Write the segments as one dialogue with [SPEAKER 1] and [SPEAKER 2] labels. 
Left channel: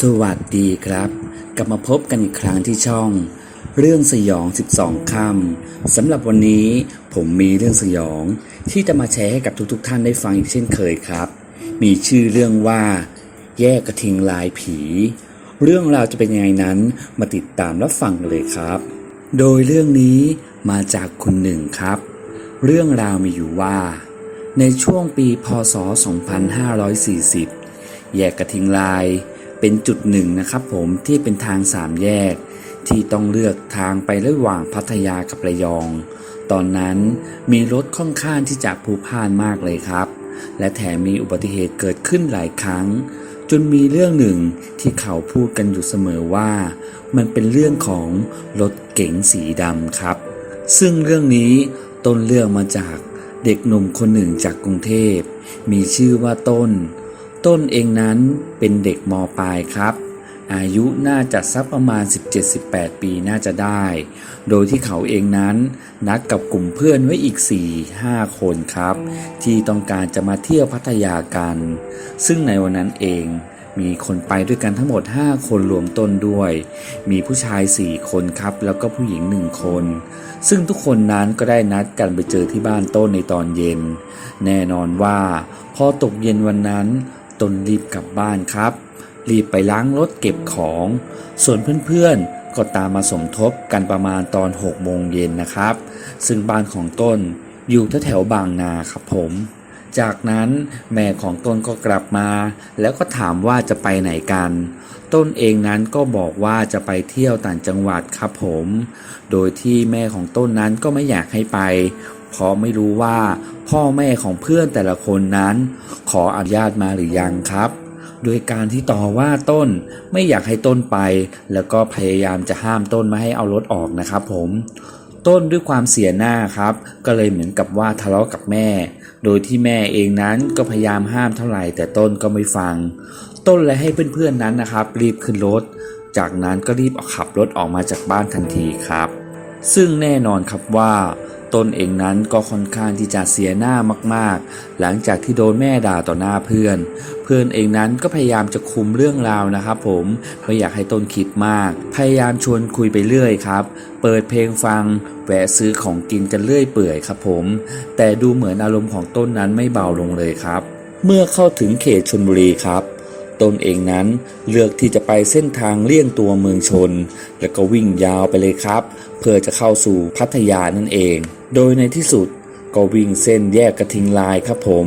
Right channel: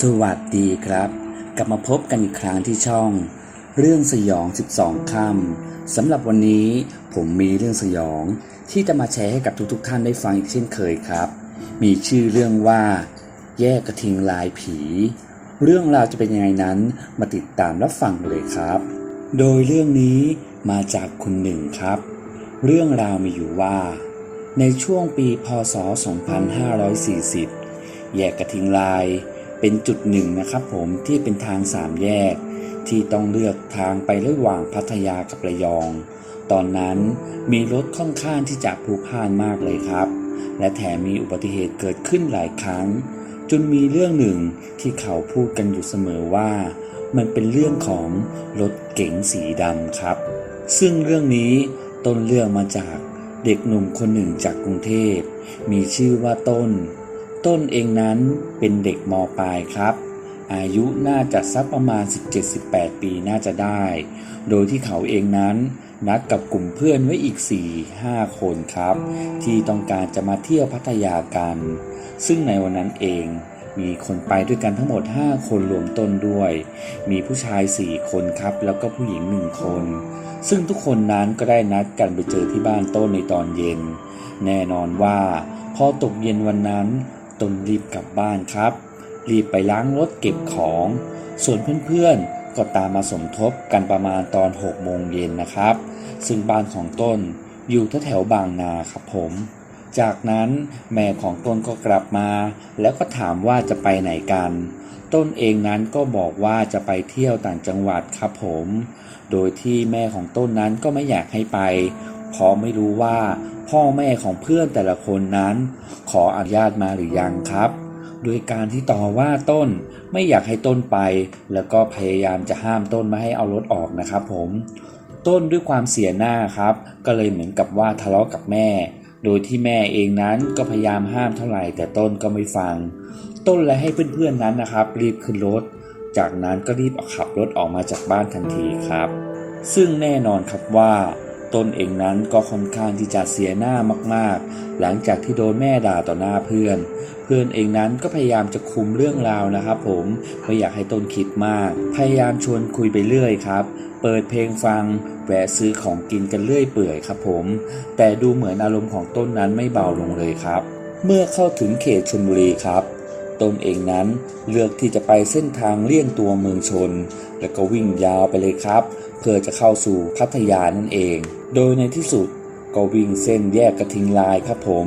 [SPEAKER 1] สวัสดีครับ กลับมาพบกันอีกครั้งที่ช่อง เรื่องสยอง 12คำสำหรับวันนี้ผมมีเรื่องสยอง ที่จะมาแชร์ให้กับทุกๆทท่านได้ฟังอีกเช่นเคยครับ มีชื่อเรื่องว่า แยกกระทิงลายผี เรื่องราวจะเป็นยังไงนั้นมาติดตามรับฟังเลยครับ โดยเรื่องนี้มาจากคุณหนึ่งครับ เรื่องราวมีอยู่ว่า ในช่วงปีพศ 2540 แยกกระทิงลาย เป็นจุดหนึ่งนะครับผมที่เป็นทางสามแยก ที่ต้องเลือกทางไประหว่างพัทยากับระยอง ตอนนั้นมีรถค่อนข้างที่จะพลุกพ่านมากเลยครับ และแถมมีอุบัติเหตุเกิดขึ้นหลายครั้ง จนมีเรื่องหนึ่งที่เขาพูดกันอยู่เสมอว่า มันเป็นเรื่องของรถเก๋งสีดำครับ ซึ่งเรื่องนี้ต้นเรื่องมาจากเด็กหนุ่มคนหนึ่งจากกรุงเทพ มีชื่อว่าต้น ต้นเองนั้นเป็นเด็กมปลายครับ อายุน่าจะสักประมาณ 17-18 ปีน่าจะได้ โดยที่เขาเองนั้นนัดกับกลุ่มเพื่อนไว้อีก 4-5 คนครับ ที่ต้องการจะมาเที่ยวพัทยากัน ซึ่งในวันนั้นเองมีคนไปด้วยกันทั้งหมด 5 คนรวมต้นด้วย มีผู้ชาย 4 คนครับ แล้วก็ผู้หญิง 1 คน ซึ่งทุกคนนั้นก็ได้นัดกันไปเจอที่บ้านต้นในตอนเย็น แน่นอนว่า พอตกเย็นวันนั้น ต้นรีบกลับบ้านครับ รีบไปล้างรถเก็บของ ส่วนเพื่อนๆ ก็ตามมาสมทบกันประมาณตอน6โมงเย็นนะครับ ซึ่งบ้านของต้นอยู่แถวๆบางนาครับผม จากนั้นแม่ของต้นก็กลับมา แล้วก็ถามว่าจะไปไหนกัน ต้นเองนั้นก็บอกว่าจะไปเที่ยวต่างจังหวัดครับผม โดยที่แม่ของต้นนั้นก็ไม่อยากให้ไป เพราะไม่รู้ว่า พ่อแม่ของเพื่อนแต่ละคนนั้น ขออนุญาตมาหรือยังครับ โดยการที่ต่อว่าต้นไม่อยากให้ต้นไป แล้วก็พยายามจะห้ามต้นไม่ให้เอารถออกนะครับผมต้นด้วยความเสียหน้าครับ ก็เลยเหมือนกับว่าทะเลาะกับแม่ โดยที่แม่เองนั้นก็พยายามห้ามเท่าไหร่ แต่ต้นก็ไม่ฟัง ต้นและให้เพื่อนๆนั้นนะครับ รีบขึ้นรถ จากนั้นก็รีบขับรถออกมาจากบ้านทันทีครับ ซึ่งแน่นอนครับว่า ตนเองนั้นก็ค่อนข้างที่จะเสียหน้ามากๆ หลังจากที่โดนแม่ด่าต่อหน้าเพื่อน เพื่อนเองนั้นก็พยายามจะคุมเรื่องราวนะครับ ผมไม่อยากให้ต้นคิดมาก พยายามชวนคุยไปเรื่อยครับ เปิดเพลงฟังแวะซื้อของกินกันเรื่อยเปื่อยครับผม แต่ดูเหมือนอารมณ์ของต้นนั้นไม่เบาลงเลยครับ เมื่อเข้าถึงเขตชลบุรีครับ ตนเองนั้นเลือกที่จะไปเส้นทางเลี่ยงตัวเมืองชน แล้วก็วิ่งยาวไปเลยครับ เพื่อจะเข้าสู่พัทยานั่นเอง โดยในที่สุดก็วิ่งเส้นแยกกระทิงลายครับผม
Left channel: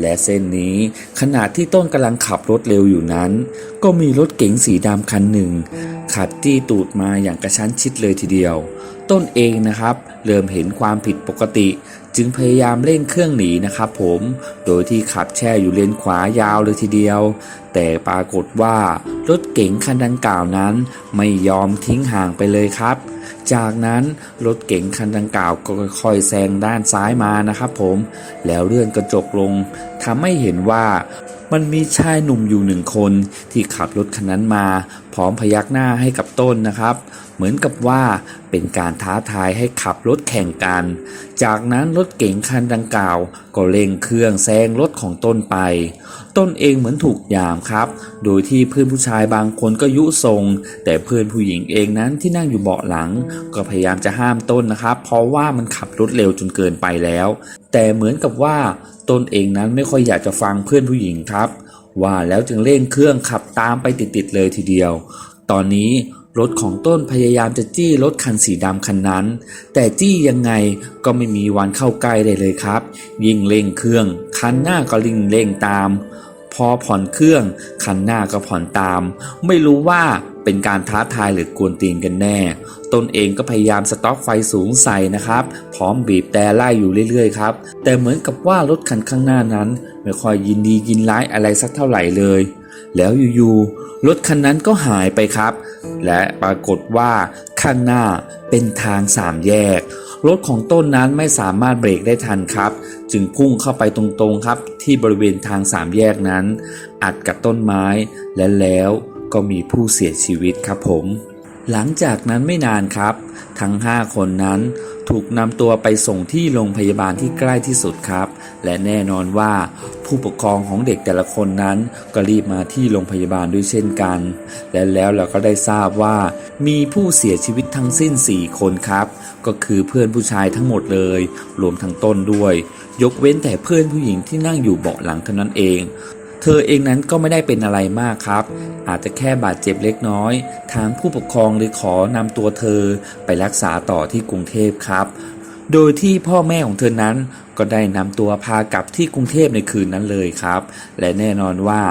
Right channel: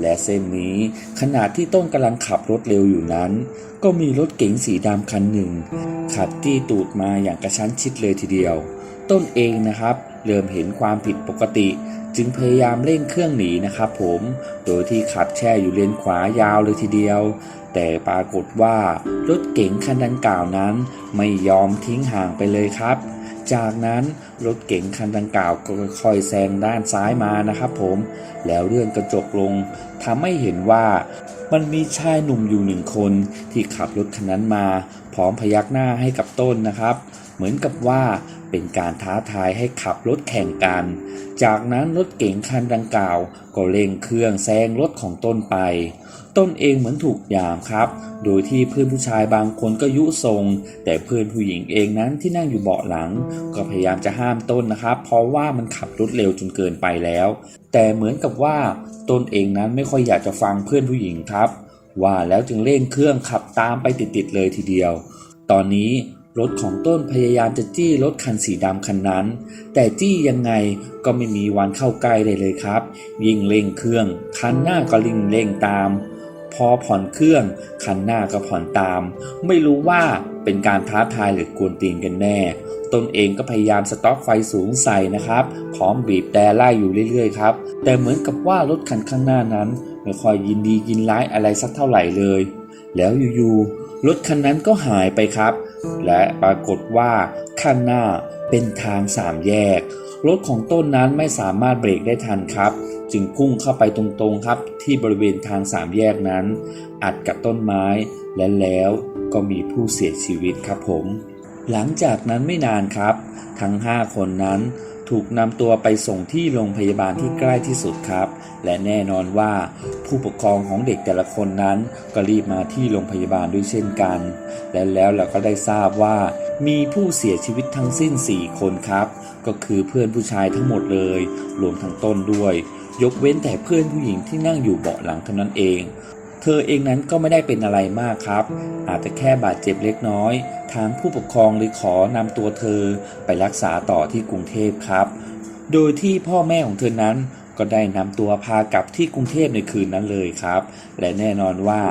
[SPEAKER 1] และเส้นนี้ขณะที่ต้นกำลังขับรถเร็วอยู่นั้น ก็มีรถเก๋งสีดำคันหนึ่ง ขับจี้ตูดมาอย่างกระชั้นชิดเลยทีเดียว ต้นเองนะครับ เริ่มเห็นความผิดปกติ จึงพยายามเร่งเครื่องหนีนะครับผมโดยที่ขับแช่อยู่เลนขวายาวเลยทีเดียว แต่ปรากฏว่ารถเก๋งคันดังกล่าวนั้น ไม่ยอมทิ้งห่างไปเลยครับ จากนั้นรถเก๋งคันดังกล่าวก็ค่อยๆแซงด้านซ้ายมานะครับผมแล้วเลื่อนกระจกลง ทำให้เห็นว่า มันมีชายหนุ่มอยู่หนึ่งคนที่ขับรถคันนั้นมา พร้อมพยักหน้าให้กับต้นนะครับ เหมือนกับว่าเป็นการท้าทายให้ขับรถแข่งกัน จากนั้นรถเก๋งคันดังกล่าว ก็เร่งเครื่องแซงรถของต้นไป ต้นเองเหมือนถูกยามครับ โดยที่เพื่อนผู้ชายบางคนก็ยุทรง แต่เพื่อนผู้หญิงเองนั้นที่นั่งอยู่เบาะหลัง ก็พยายามจะห้ามต้นนะครับ เพราะว่ามันขับรถเร็วจนเกินไปแล้ว แต่เหมือนกับว่าต้นเองนั้นไม่ค่อยอยากจะฟังเพื่อนผู้หญิงครับ ว่าแล้วจึงเร่งเครื่องขับตามไปติดๆเลยทีเดียว ตอนนี้รถของต้นพยายามจะจี้รถคันสีดำคันนั้น แต่จี้ยังไงก็ไม่มีวันเข้าใกล้เลยเลยครับ ยิ่งเร่งเครื่อง คันหน้าก็ลิงเร่งตาม พอผ่อนเครื่องคันหน้าก็ผ่อนตาม ไม่รู้ว่าเป็นการท้าทายหรือกวนตีนกันแน่ ตนเองก็พยายามสต็อกไฟสูงใส่นะครับ พร้อมบีบแต่ไล่อยู่เรื่อยๆครับ แต่เหมือนกับว่ารถคันข้างหน้านั้น ไม่ค่อยยินดียินร้ายอะไรสักเท่าไหร่เลย แล้วอยู่ๆรถคันนั้นก็หายไปครับ และปรากฏว่าข้างหน้าเป็นทางสามแยก รถของต้นนั้นไม่สามารถเบรกได้ทันครับ จึงพุ่งเข้าไปตรงๆครับ ที่บริเวณทางสามแยกนั้น อัดกับต้นไม้และแล้วก็มีผู้เสียชีวิตครับผม หลังจากนั้นไม่นานครับ ทั้ง 5 คนนั้นถูกนำตัวไปส่งที่โรงพยาบาลที่ใกล้ที่สุดครับ และแน่นอนว่าผู้ปกครองของเด็กแต่ละคนนั้นก็รีบมาที่โรงพยาบาลด้วยเช่นกัน และแล้วเราก็ได้ทราบว่ามีผู้เสียชีวิตทั้งสิ้น 4 คนครับ ก็คือเพื่อนผู้ชายทั้งหมดเลย รวมทั้งต้นด้วย ยกเว้นแต่เพื่อนผู้หญิงที่นั่งอยู่เบาะหลังเท่านั้นเอง เธอเองนั้นก็ไม่ได้เป็นอะไรมากครับ อาจจะแค่บาดเจ็บเล็กน้อย ทางผู้ปกครองเลยขอนำตัวเธอไปรักษาต่อที่กรุงเทพครับ โดยที่พ่อแม่ของเธอนั้นก็ได้นำตัวพากลับที่กรุงเทพในคืนนั้นเลยครับ และแน่นอนว่า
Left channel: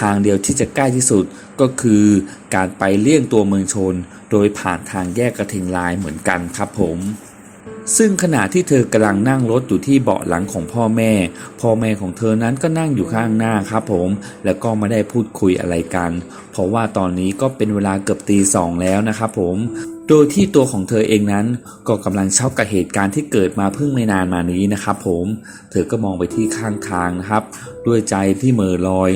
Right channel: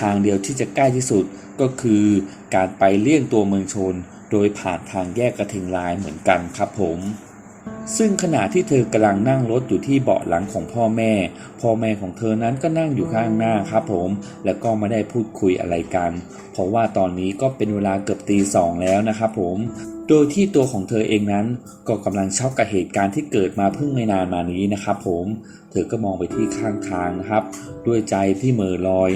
[SPEAKER 1] ทางเดียวที่จะใกล้ที่สุดก็คือการไปเลี่ยงตัวเมืองชน โดยผ่านทางแยกกระทิงลายเหมือนกันครับผม ซึ่งขณะที่เธอกำลังนั่งรถอยู่ที่เบาะหลังของพ่อแม่ พ่อแม่ของเธอนั้นก็นั่งอยู่ข้างหน้าครับผม แล้วก็ไม่ได้พูดคุยอะไรกัน เพราะว่าตอนนี้ก็เป็นเวลาเกือบตีสองแล้วนะครับผม โดยที่ตัวของเธอเองนั้น ก็กำลังช็อกกับเหตุการณ์ที่เกิดมาเพิ่งไม่นานมานี้นะครับผม เธอก็มองไปที่ข้างทางนะครับ ด้วยใจที่เม่อลอย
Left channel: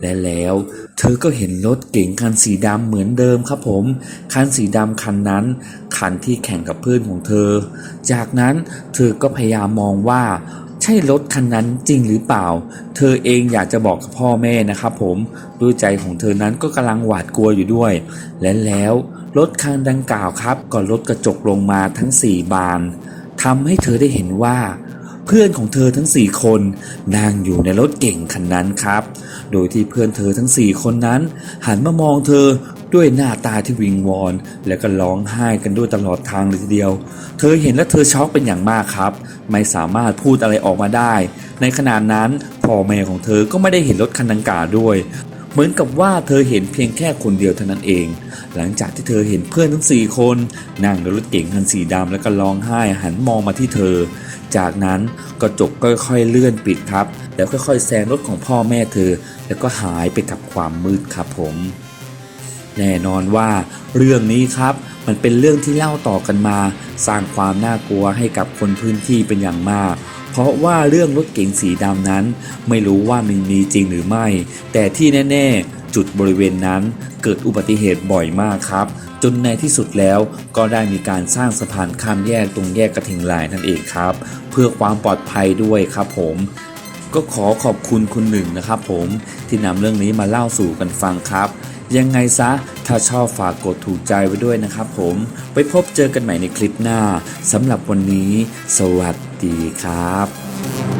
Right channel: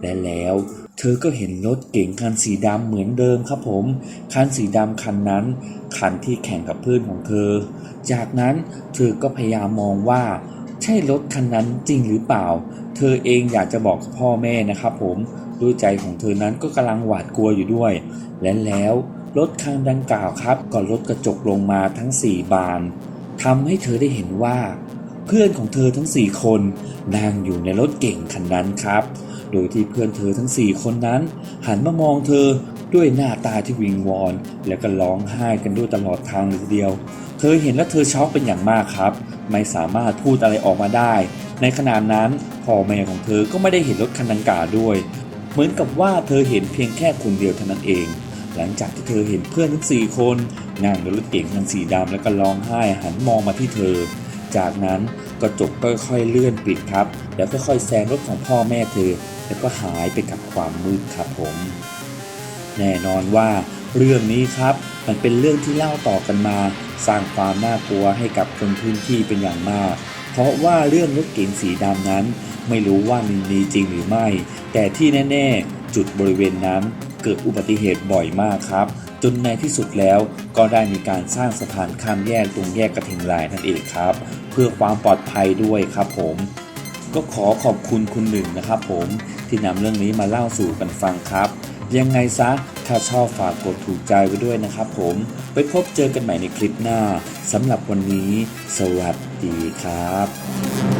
[SPEAKER 1] และแล้วเธอก็เห็นรถเก๋งคันสีดำเหมือนเดิมครับผม คันสีดำคันนั้น คันที่แข่งกับเพื่อนของเธอ จากนั้นเธอก็พยายามมองว่าใช่รถคันนั้นจริงหรือเปล่า เธอเองอยากจะบอกกับพ่อแม่นะครับผมด้วยใจของเธอนั้นก็กำลังหวาดกลัวอยู่ด้วย และแล้วรถคันดังกล่าวครับก็ลดกระจกลงมาทั้ง 4 บานทำให้เธอได้เห็นว่า เพื่อนของเธอทั้ง 4 คนนั่งอยู่ในรถเก่งคันนั้นครับ โดยที่เพื่อนเธอทั้ง 4 คนนั้น หันมามองเธอด้วยหน้าตาที่วิงวอน แล้วก็ร้องไห้กันด้วยตลอดทางเลยทีเดียว เธอเห็นและเธอช็อกเป็นอย่างมากครับ ไม่สามารถพูดอะไรออกมาได้ ในขณะนั้นพ่อแม่ของเธอก็ไม่ได้เห็นรถคันดังกล่าวด้วย เหมือนกับว่าเธอเห็นเพียงแค่คนเดียวเท่านั้นเองหลังจากที่เธอเห็นเพื่อนทั้งสี่คน นั่งในรถเก๋งคันสีดำแล้วก็ร้องไห้หันมองมาที่เธอ จากนั้นกระจกค่อยๆเลื่อนปิดครับ แล้วค่อยๆแซงรถของพ่อแม่เธอ แล้วก็หายไปกับความมืดครับผม แน่นอนว่าเรื่องนี้ครับมันเป็นเรื่องที่เล่าต่อกันมา สร้างความน่ากลัวให้กับคนพื้นที่เป็นอย่างมาก เพราะว่าเรื่องรถเก๋งสีดำนั้น ไม่รู้ว่ามันมีจริงหรือไม่ แต่ที่แน่ ๆ จุดบริเวณนั้นเกิดอุบัติเหตุบ่อยมากครับ จนในที่สุดแล้วก็ได้มีการสร้างสะพานข้ามแยกตรงแยกกระทิงลายนั่นเองครับ เพื่อความปลอดภัยด้วยครับผมก็ขอขอบคุณคุณหนึ่งนะครับผมที่นำเรื่องนี้มาเล่าสู่กันฟังครับ ยังไงซะ ถ้าชอบฝากกดถูกใจไว้ด้วยนะครับผมไปพบเจอกันใหม่ในคลิปหน้าสำหรับวันนี้ สวัสดีครับ